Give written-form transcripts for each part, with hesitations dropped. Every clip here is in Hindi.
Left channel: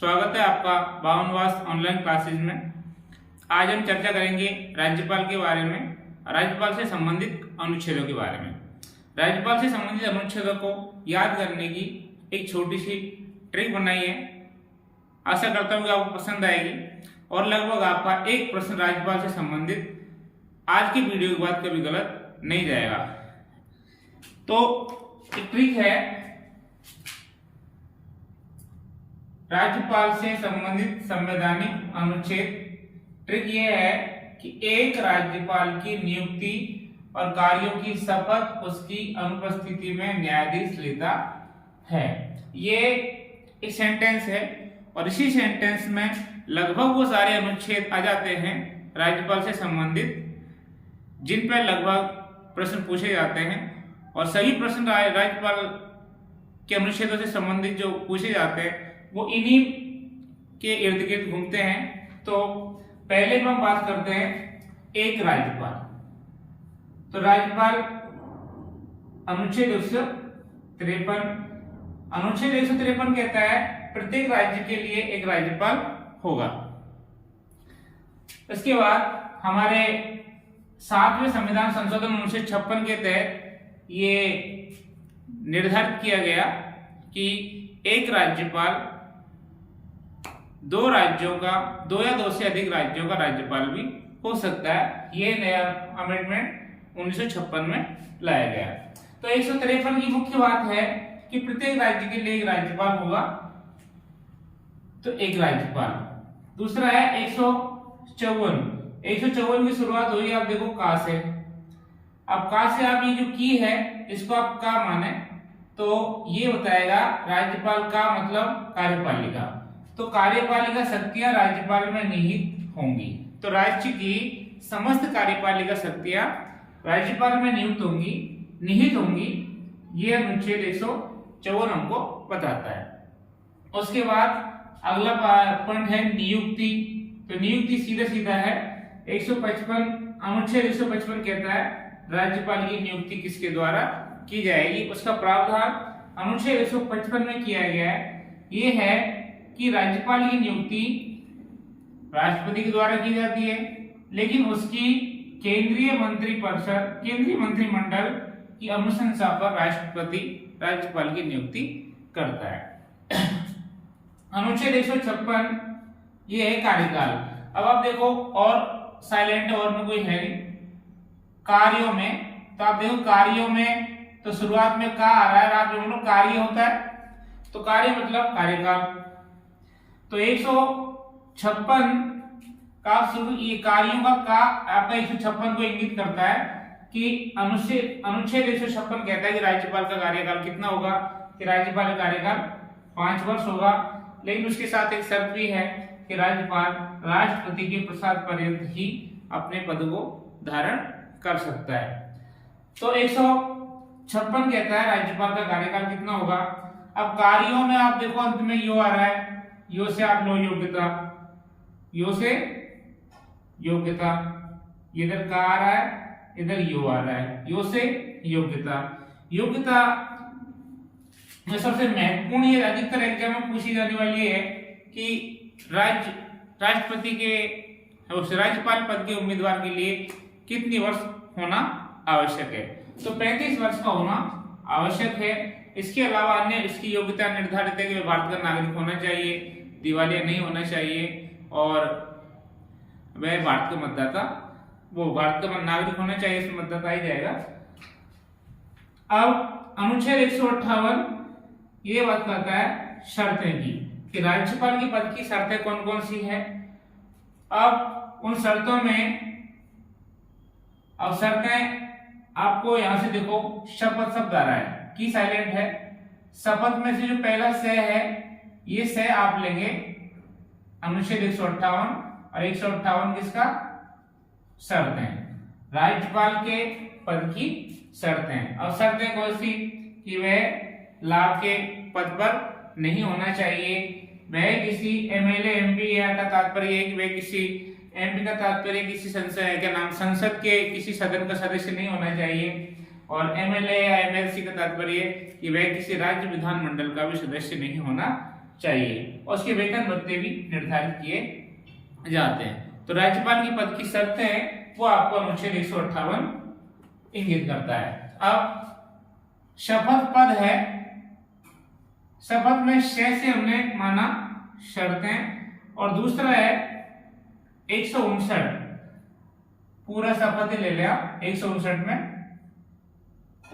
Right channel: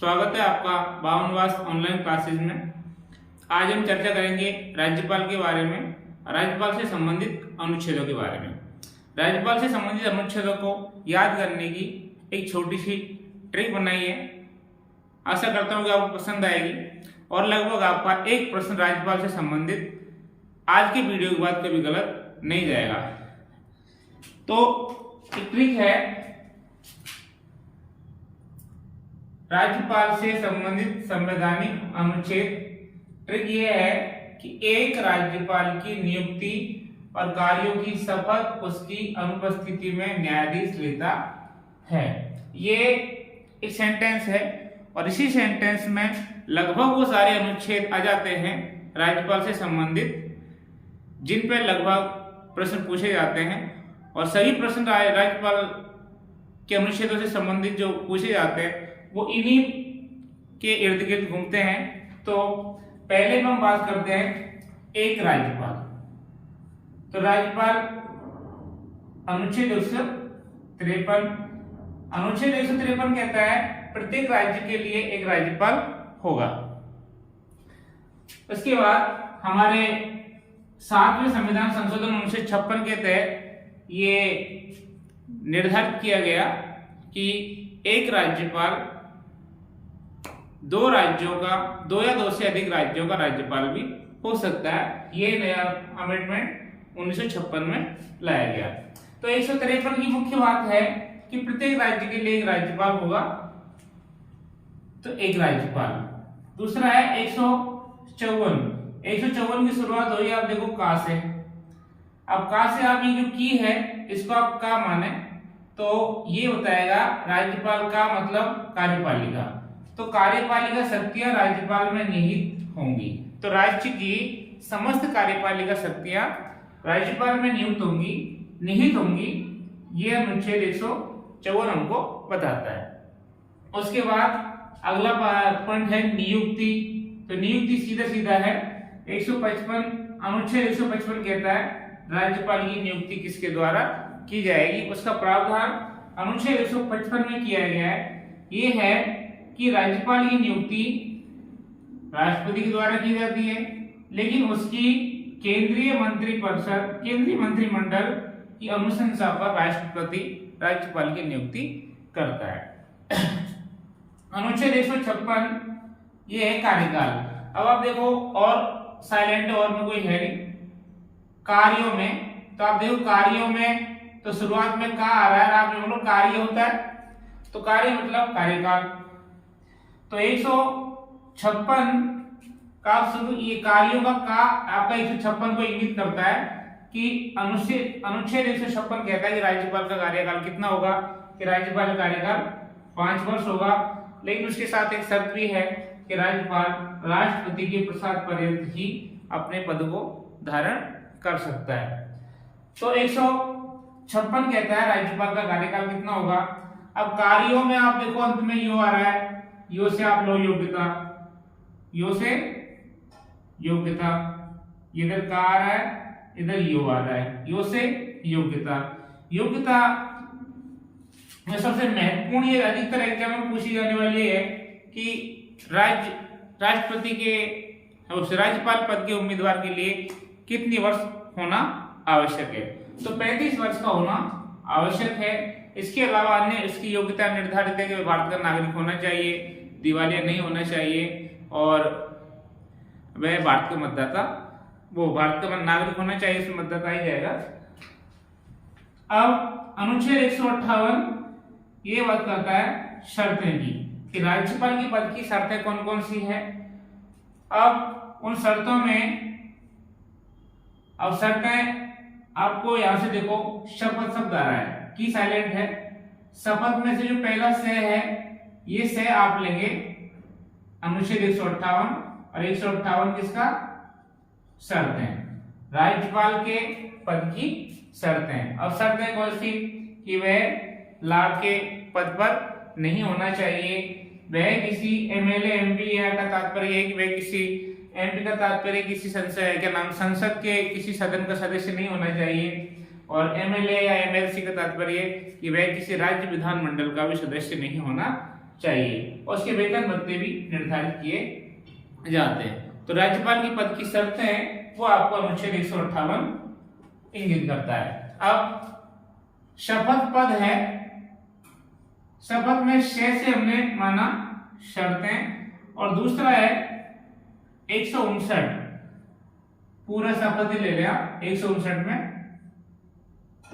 स्वागत है आपका बावनवास ऑनलाइन क्लासेज में। आज हम चर्चा करेंगे राज्यपाल के बारे में, राज्यपाल से संबंधित अनुच्छेदों के बारे में। राज्यपाल से संबंधित अनुच्छेदों को याद करने की एक छोटी सी ट्रिक बनाई है। आशा करता हूँ कि आपको पसंद आएगी और लगभग आपका एक प्रश्न राज्यपाल से संबंधित आज की वीडियो के बाद कभी गलत नहीं जाएगा। तो एक ट्रिक है, राज्यपाल से संबंधित संवैधानिक अनुच्छेद। ट्रिक ये है कि एक राज्यपाल की नियुक्ति और कार्यों की शपथ उसकी अनुपस्थिति में न्यायाधीश लेता है। ये एक सेंटेंस है और इसी सेंटेंस में लगभग वो सारे अनुच्छेद आ जाते हैं राज्यपाल से संबंधित, जिन पर लगभग प्रश्न पूछे जाते हैं। और सभी प्रश्न राज्यपाल के अनुच्छेदों से संबंधित जो पूछे जाते हैं वो इन्हीं के इर्द गिर्द घूमते हैं। तो पहले हम बात करते हैं एक राज्यपाल। तो राज्यपाल अनुच्छेद 153 कहता है प्रत्येक राज्य के लिए एक राज्यपाल होगा। उसके बाद हमारे 7वें संविधान संशोधन अनुच्छेद 56 के तहत ये निर्धारित किया गया कि एक राज्यपाल दो राज्यों का, दो या दो से अधिक राज्यों का राज्यपाल भी हो सकता है। ये नया अमेंडमेंट 1956 में लाया गया। तो 153 की मुख्य बात है कि प्रत्येक राज्य के लिए एक राज्यपाल होगा, तो एक राज्यपाल। दूसरा है 154 की शुरुआत हुई, आप देखो का से। अब का से आप ये जो की है इसको आप का माने तो ये बताएगा राज्यपाल का मतलब कार्यपालिका। तो कार्यपालिका शक्तियां राज्यपाल में निहित होंगी। तो राज्य की समस्त कार्यपालिका शक्तियां राज्यपाल में निहित होंगी। ये अनुच्छेद 154 हमको बताता है। उसके बाद अगला पॉइंट है नियुक्ति। तो नियुक्ति सीधा सीधा है 155 अनुच्छेद 155 कहता है राज्यपाल की नियुक्ति किसके द्वारा की जाएगी। उसका प्रावधान अनुच्छेद 155 में किया गया है। ये है कि राज्यपाल की नियुक्ति राष्ट्रपति के द्वारा की जाती है, लेकिन उसकी केंद्रीय मंत्रिमंडल की अनुशंसा पर राष्ट्रपति राज्यपाल की नियुक्ति करता है। अनुच्छेद 156 ये है कार्यकाल। अब आप देखो और साइलेंट और में कोई है नहीं। कार्यों में तो आप देखो कार्यों में तो शुरुआत में का आ रहा है, आप बोलो कार्य होता है तो कार्य मतलब कार्यकाल। तो 156 का शुरू ये कार्यों का आपका 156 को इंगित करता है कि अनुच्छेद 156 कहता है कि राज्यपाल का कार्यकाल कितना होगा, कि राज्यपाल का कार्यकाल 5 वर्ष होगा। लेकिन उसके साथ एक शर्त भी है कि राज्यपाल राष्ट्रपति के प्रसाद पर्यंत ही अपने पद को धारण कर सकता है। तो 156 कहता है राज्यपाल का कार्यकाल कितना होगा। अब कार्यों में आप देखो अंत में यो आ रहा है, यो से आप लो योग्यता, यो से योग्यता, इधर का आ रहा है, इधर यो आ रहा है, यो से योग्यता। योग्यता में सबसे महत्वपूर्ण ये अधिकतर एग्जाम में पूछी जाने वाली है कि राष्ट्रपति के राज्यपाल पद के उम्मीदवार के लिए कितनी वर्ष होना आवश्यक है। तो 35 वर्ष का होना आवश्यक है। इसके अलावा अन्य इसकी योग्यता निर्धारित है कि भारत का नागरिक होना चाहिए, दिवालिया नहीं होना चाहिए और वह भारत का नागरिक होना चाहिए, इसमें मतदाता ही जाएगा। अब अनुच्छेद 158 ये बात करता है शर्तें की, कि राज्यपाल के पद की शर्तें कौन कौन सी है। अब उन शर्तों में शर्तें आपको यहां से देखो शपथ शब्द आ रहा है, की साइलेंट है। शपथ में से जो पहला से है ये से आप लेंगे अनुच्छेद 158 और 158 किसका शर्तें, राज्यपाल के पद की शर्तें। और शर्तें कौन सी, कि वह लाभ के पद पर नहीं होना चाहिए, वह किसी एमएलए एमपी का तात्पर्य है कि वह किसी एमपी का तात्पर्य किसी संसद के किसी सदन का सदस्य नहीं होना चाहिए, और एमएलए या एमएलसी का तात्पर्य कि वह किसी राज्य विधानमंडल का भी सदस्य नहीं होना चाहिए और उसके वेतन भत्ते भी निर्धारित किए जाते हैं। तो राज्यपाल की पद की शर्तें हैं वो आपको अनुच्छेद 158 इंगित करता है। अब शपथ पद है, शपथ में 6 से हमने माना शर्तें, और दूसरा है 159, पूरा शपथ ही ले लिया 159 में।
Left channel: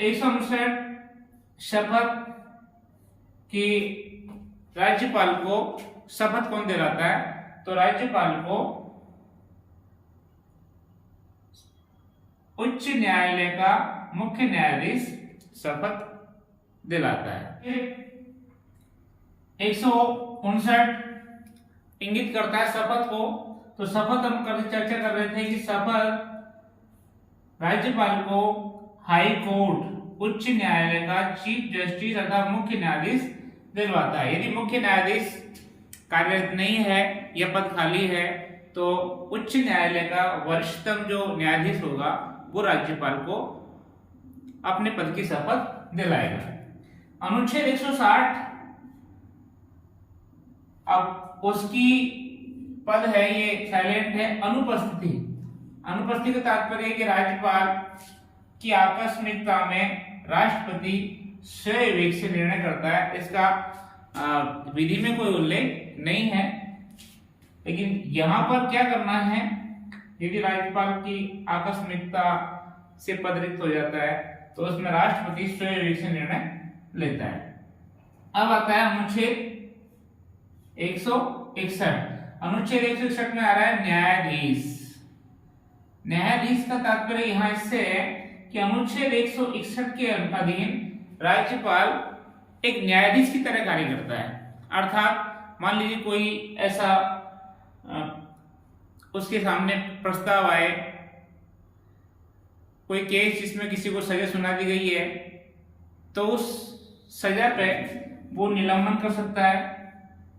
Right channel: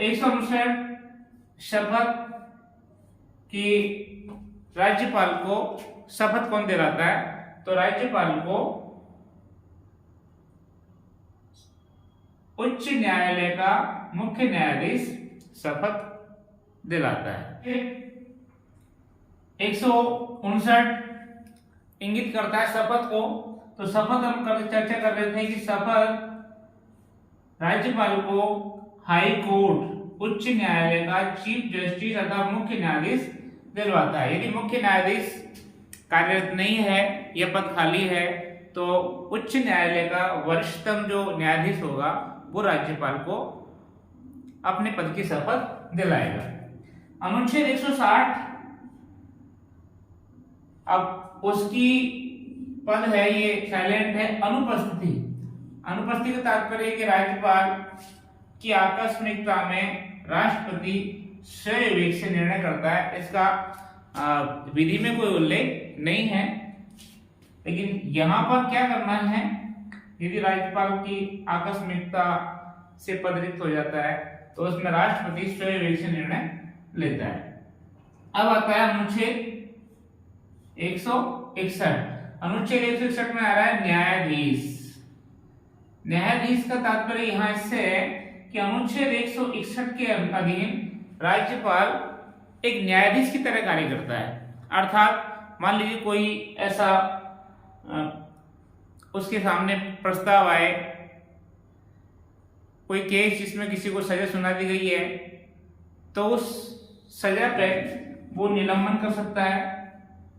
159 शपथ कि राज्यपाल को शपथ कौन दिलाता है, तो राज्यपाल को उच्च न्यायालय का मुख्य न्यायाधीश शपथ दिलाता है। 159 इंगित करता है शपथ को। तो शपथ हम चर्चा कर रहे थे कि शपथ राज्यपाल को हाई कोर्ट उच्च न्यायालय का चीफ जस्टिस अथवा मुख्य न्यायाधीश दिलवाता है। यदि मुख्य न्यायाधीश कार्यरत नहीं है या पद खाली है तो उच्च न्यायालय का वरिष्ठतम जो न्यायाधीश होगा वो राज्यपाल को अपने पद की शपथ दिलाएगा। अनुच्छेद 160, अब उसकी पद है ये साइलेंट है, अनुपस्थिति। अनुपस्थिति का तात्पर्य कि राज्यपाल की आकस्मिकता में राष्ट्रपति स्वविवेक से निर्णय करता है। इसका विधि में कोई उल्लेख नहीं है, लेकिन यहां पर क्या करना है, यदि राज्यपाल की आकस्मिकता से पद रिक्त हो जाता है तो उसमें राष्ट्रपति स्वविवेक से निर्णय लेता है। अब आता है अनुच्छेद 161। अनुच्छेद 161 में आ रहा है न्यायाधीश। न्यायाधीश का तात्पर्य यहां इससे है कि अनुच्छेद 161 के अधीन राज्यपाल एक न्यायाधीश की तरह कार्य करता है। अर्थात मान लीजिए कोई ऐसा उसके सामने प्रस्ताव आए, कोई केस जिसमें किसी को सजा सुना दी गई है, तो उस सजा पे वो निलंबन कर सकता है,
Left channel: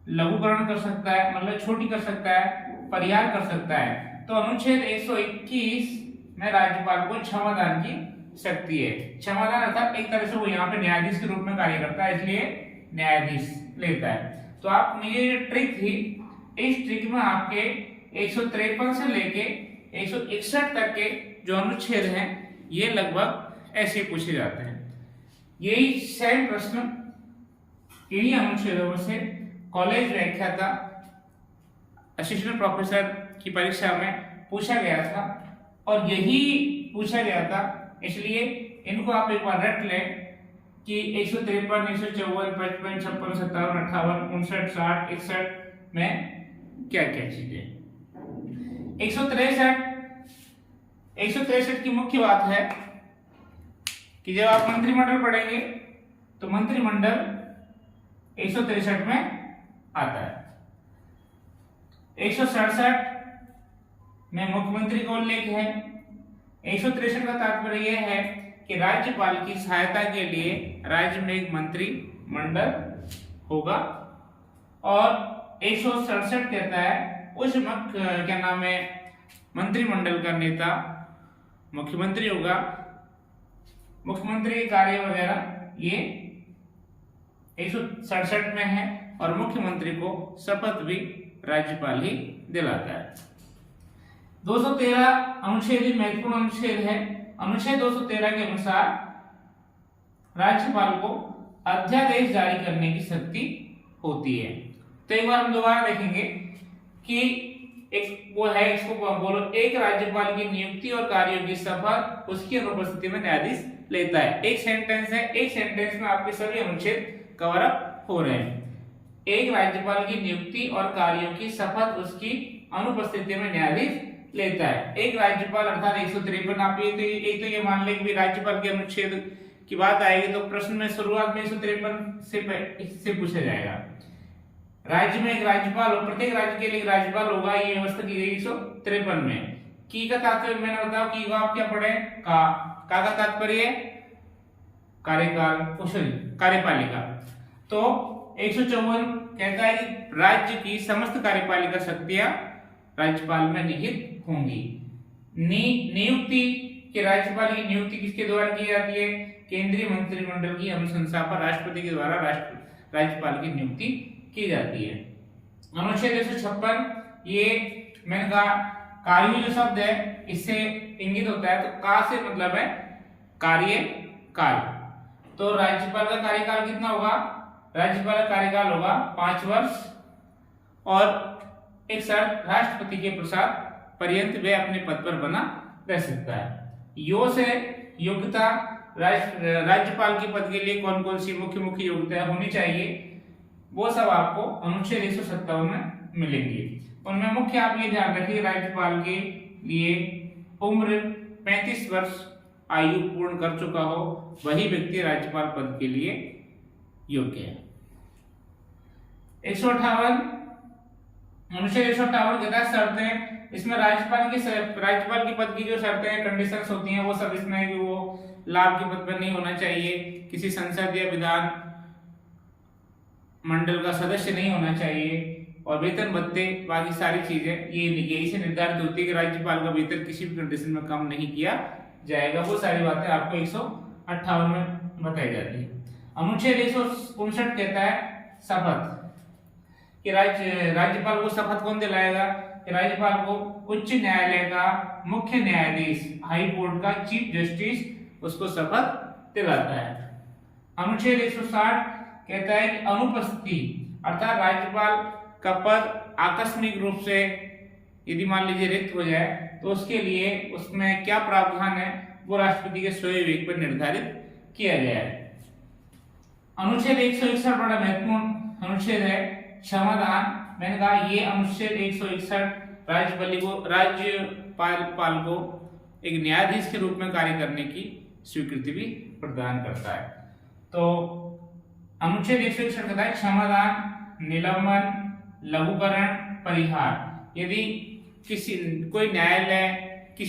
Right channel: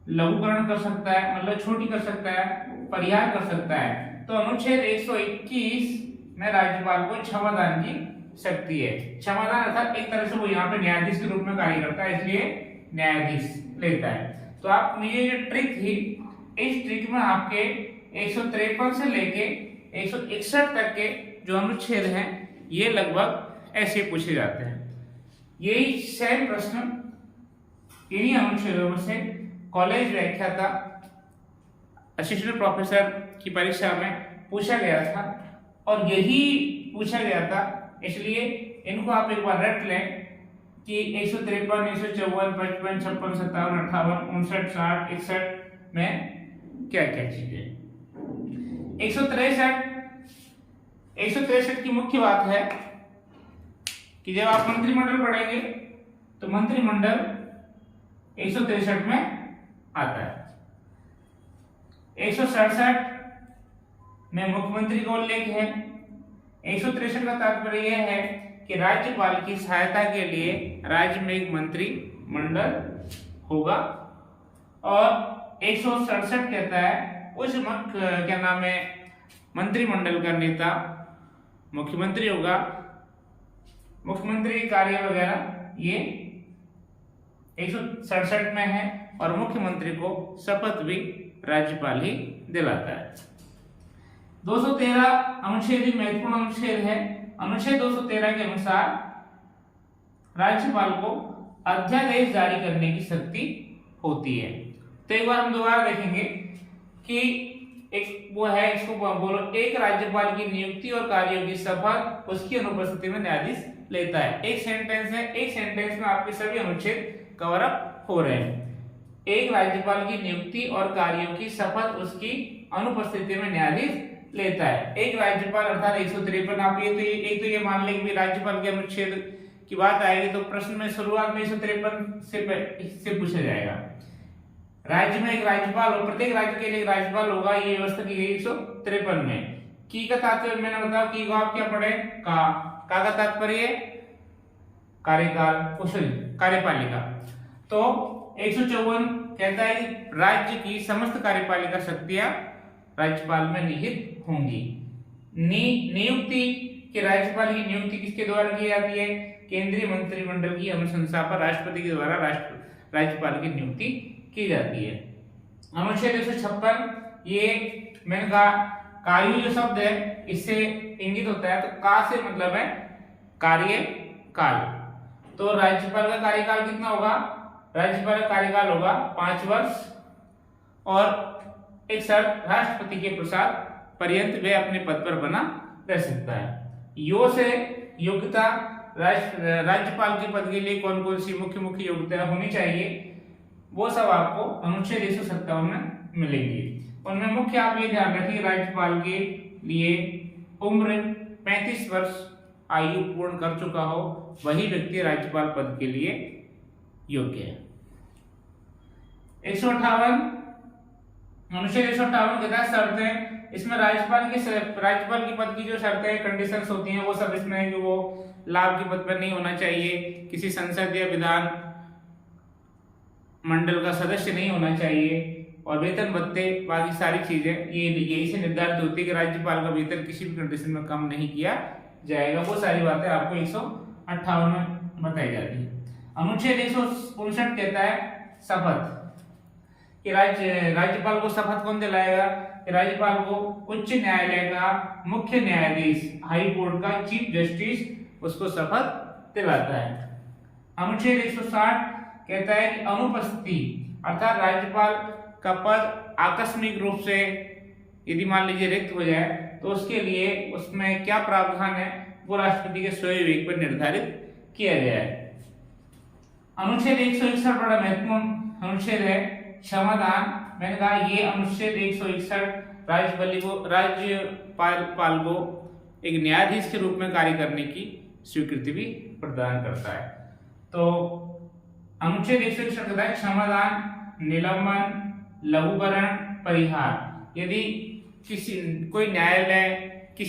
लघुकरण कर सकता है, मतलब छोटी कर सकता है, परिहार कर सकता है। तो अनुच्छेद 121 में राज्यपाल को क्षमादान की शक्ति है। क्षमादान अर्थात एक तरह से वो यहाँ पे न्यायाधीश के रूप में कार्य करता है, इसलिए न्यायाधीश लेता है। तो आप ये जो ट्रिक थी, इस ट्रिक में आपके 153 से लेके 161 तक के जो अनुच्छेद हैं ये लगभग ऐसे पूछे जाते हैं। यही सेम प्रश्न इन्हीं अनुच्छेदों से कॉलेज व्याख्याता असिस्टेंट प्रोफेसर की परीक्षा में पूछा गया था और यही पूछा गया था, इसलिए इनको आप एक बार रट लें कि 153, 154, 55, 56, 57, 58, 59, 60, 61 में क्या क्या चीजें। 163 की मुख्य बात है कि जब आप मंत्रिमंडल पढ़ेंगे तो मंत्रिमंडल 163 में आता है। 167 में मुख्यमंत्री का उल्लेख है। 163 का तात्पर्य यह है कि राज्यपाल की सहायता के लिए राज्य में एक मंत्रिमंडल होगा। और 167 कहता है उस क्या नाम है मंत्रिमंडल का नेता मुख्यमंत्री होगा। मुख्यमंत्री के कार्य वगैरह ये 167 में है और मुख्यमंत्री को शपथ भी राज्यपाल ही दिलाता है। 213 अनुच्छेद ही महत्वपूर्ण अनुच्छेद है। अनुच्छेद 213 के अनुसार राज्यपाल को अध्यादेश जारी करने की शक्ति होती है। तो एक बार हम दोबारा देखेंगे कि एक वो है, इसको बोलो, एक राज्यपाल की नियुक्ति और कार्यों की शपथ उसकी अनुपस्थिति में न्यायाधीश लेता है। एक सेंटेंस है, एक सेंटेंस में आपके सभी अनुच्छेद कवर अप हो रहे हैं। एक राज्यपाल की नियुक्ति और कार्यों की शपथ उसकी अनुपस्थिति में न्यायाधीश लेता है। एक राज्यपाल अर्थात 153, आप एक तो ये मान लें कि राज्यपाल के अनुच्छेद की बात आएगी तो प्रश्न में शुरुआत में 153 से पूछा जाएगा। राज्य में एक राज्यपाल हो, प्रत्येक राज्य के लिए एक राज्यपाल होगा, ये व्यवस्था की गई 153 में। की का तात्पर्य मैंने बताया, की को आप क्या पढ़े, का तात्पर्य कार्यकाल, कार्यपालिका। तो 154 कहता है कि राज्य की समस्त कार्यपालिका शक्तियां राज्यपाल में निहित होंगी। नियुक्ति कि राज्यपाल की नियुक्ति किसके द्वारा की जाती है, केंद्रीय मंत्रिमंडल की अनुशंसा पर राष्ट्रपति के द्वारा राज्यपाल की नियुक्ति की जाती है। अनुच्छेद 156 ये मैंने कहा कार्य जो शब्द है इससे इंगित होता है, तो का से मतलब है कार्यकाल। तो राज्यपाल का कार्यकाल कितना होगा? राज्यपाल का कार्यकाल होगा 5 वर्ष और एक शर्त राष्ट्रपति के प्रसाद पर्यंत वे अपने पद पर बना रह सकता है। यो से योग्यता राज्यपाल के पद के लिए कौन कौन सी मुख्य योग्यता होनी चाहिए वो सब आपको अनुच्छेद 157 में मिलेंगी। उनमें मुख्य आप ये ध्यान रखिए, राज्यपाल के लिए उम्र 35 वर्ष आयु पूर्ण कर चुका हो वही व्यक्ति राज्यपाल पद के लिए योग्य है। 158 अनुच्छेद 158 कहता है शर्तें। इसमें राज्यपाल की पद की जो शर्तें कंडीशंस होती हैं वो सब इसमें है कि वो लाभ के पद पर नहीं होना चाहिए, किसी संसद या विधान मंडल का सदस्य नहीं होना चाहिए, और वेतन भत्ते बाकी सारी चीजें ये यही से निर्धारित होती है कि राज्यपाल का वेतन किसी भी कंडीशन में कम नहीं किया जाएगा। वो सारी बातें आपको 158 में बताई जाती है। अनुच्छेद 159 कहता है शपथ कि राज्यपाल को शपथ कौन दिलाएगा? कि राज्यपाल को उच्च न्यायालय का मुख्य न्यायाधीश, हाई कोर्ट का चीफ जस्टिस उसको शपथ दिलाता है। अनुच्छेद 160 कहता है कि अनुपस्थिति अर्थात राज्यपाल का पद आकस्मिक रूप से यदि मान लीजिए रिक्त हो जाए तो उसके लिए उसमें क्या प्रावधान है वो राष्ट्रपति के स्वयं विवेक पर निर्धारित किया गया है। अनुच्छेद 161 बड़ा महत्वपूर्ण अनुच्छेद है, क्षमादान। मैंने कहा ये अनुच्छेद 161 राज्यपाल को एक न्यायाधीश के रूप में कार्य करने की स्वीकृति भी प्रदान करता है। तो अनुच्छेद 161 कहता है क्षमादान, निलंबन, लघुकरण, परिहार। यदि किसी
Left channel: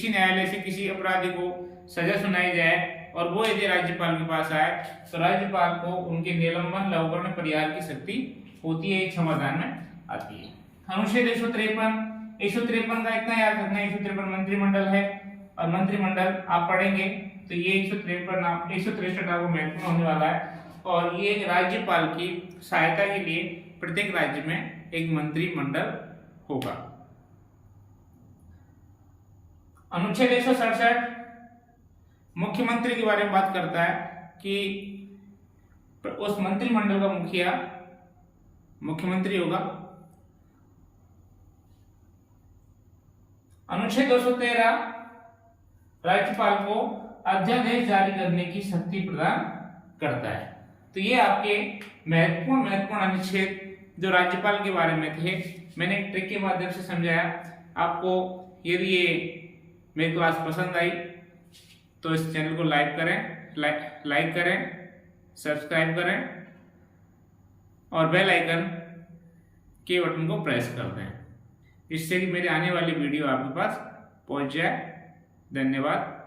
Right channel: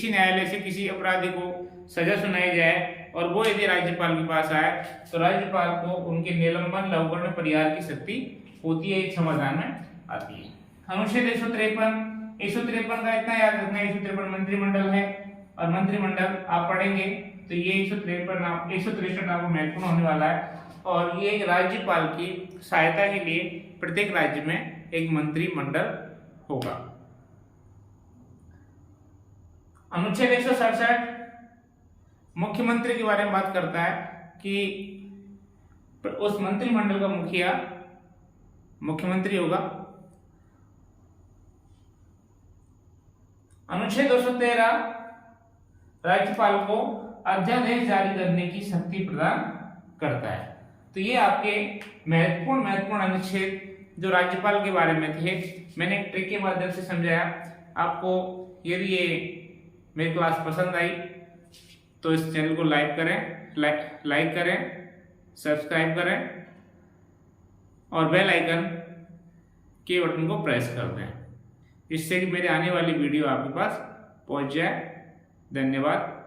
न्यायालय से किसी अपराधी को सजा सुनाई जाए और वो यदि राज्यपाल के पास आए तो राज्यपाल को उनके निलंबन, लघुकरण, परिहार की शक्ति होती है, क्षमादान में आती है। अनुच्छेद 153 का इतना याद रखना है, 153 मंत्रिमंडल है और मंत्रिमंडल आप पढ़ेंगे तो ये 163 आपको महत्वपूर्ण होने वाला है। और ये राज्यपाल की सहायता के लिए प्रत्येक राज्य में एक मंत्रिमंडल होगा। अनुच्छेद 167 मुख्यमंत्री के बारे में बात करता है कि उस मंत्रिमंडल का मुखिया मुख्यमंत्री होगा। अनुच्छेद 213 राज्यपाल को अध्यादेश जारी करने की शक्ति प्रदान करता है। तो ये आपके महत्वपूर्ण अनुच्छेद जो राज्यपाल के बारे में थे मैंने एक ट्रिक के माध्यम से समझाया आपको। यदि ये मेरी क्लास पसंद आई तो इस चैनल को लाइक करें, सब्सक्राइब करें और बेल आइकन के बटन को प्रेस कर दें, जिससे कि मेरे आने वाली वीडियो आपके पास पहुंच जाए। धन्यवाद।